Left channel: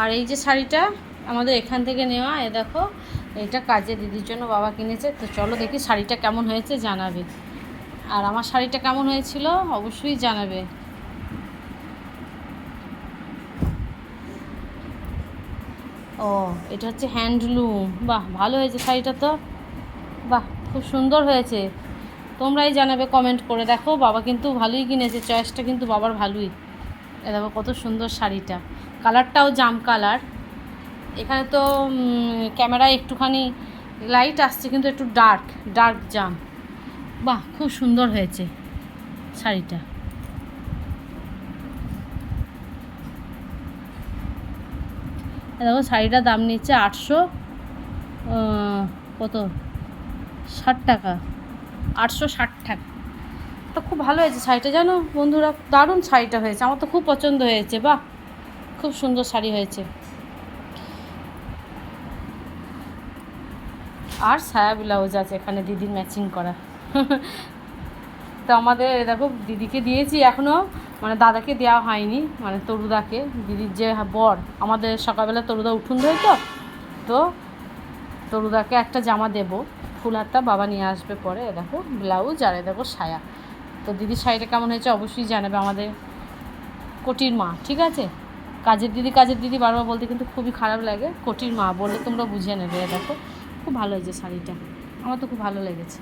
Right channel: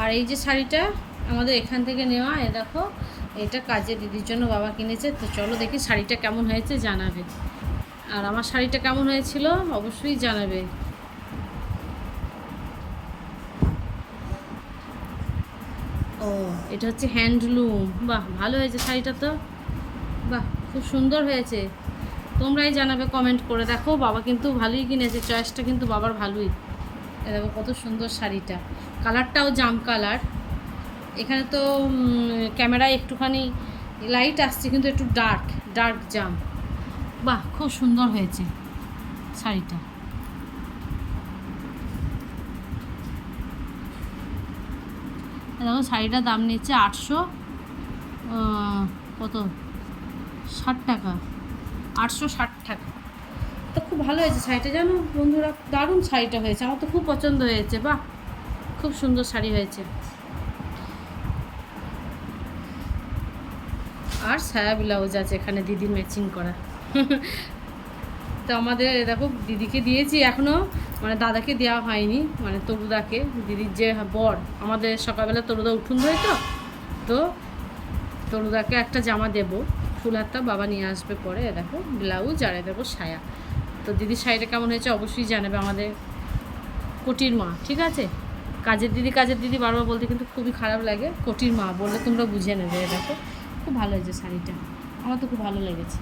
আর এই যে শাড়িটা আমাদের এখান থেকে নেওয়া, এ দেখো এটা কাজে দিদির জন্য বাবা কিনেছে। তো চলো দেখি শাড়িটা কেমন হয়েছে জানাবে, আর আমার শাড়িটা কেমন হয়েছিল অবশ্যই জানাবে। ও এটা হচ্ছে হ্যান্ডলুম, বাহ ভালো হয়েছে শাড়িটা তো, বাহ খুব সুন্দর হয়েছে। তোমরাই জানাবে কমেন্ট করে। দেখো বাবা কিন্তু ভালোই কিনেছে, চয়েসটা কিন্তু বাবার ভালোই। দেখো কত সুন্দর শাড়িটা, কালারটাও জাম কালার। এখানে তো ক্যামেরায় একটুখানি লাইট আসছে, কিন্তু একটু ডার্ক ডার্ক জাম। বাহ খুব সুন্দর হয়েছে শাড়িটা। দেখো শাড়িটার দাম নিচ্ছে 800 কত 60 টাকা, 860 টাকা। তো খুব ভালো হয়েছে শাড়িটা জানো বন্ধুরা, দারুণ শাড়িটা হয়েছে, আমার তো খুব পছন্দ হয়েছে। বাহ খুব সুন্দর শাড়ি হয়েছে। আর সায়া ব্লাউজ আছে এখানে দিদির ম্যাচিং করা। তো আমাদের দেখো দিদিকে দিয়েছি, এখনও মানে দাদাকে দেওয়া হয়নি, মানে তরুদাকে, দিদির যে বর। আমাদের সকালবেলা তরুদা উঠুন ধরে, তো তরুদাকে একটা জামা দেব ফুল হাতটা, বাবা নিয়ে আসবে পরে। দেখো ব্লাউজ, আর দেখো সায়া। তো দিদির শাড়িটা কেমন হয়েছে অবশ্যই জানাবে আমাদের কোটির মা, ঠিক আছে? কাজের দিদি বারবার বলতে কিন্তু খুবই খারাপ লাগে, কোটির মা বললে তোমরা বুঝে নেবে। দেখো খুব ভালো হয়েছে শাড়িটা, আমার তো খুব ভালো লেগেছে।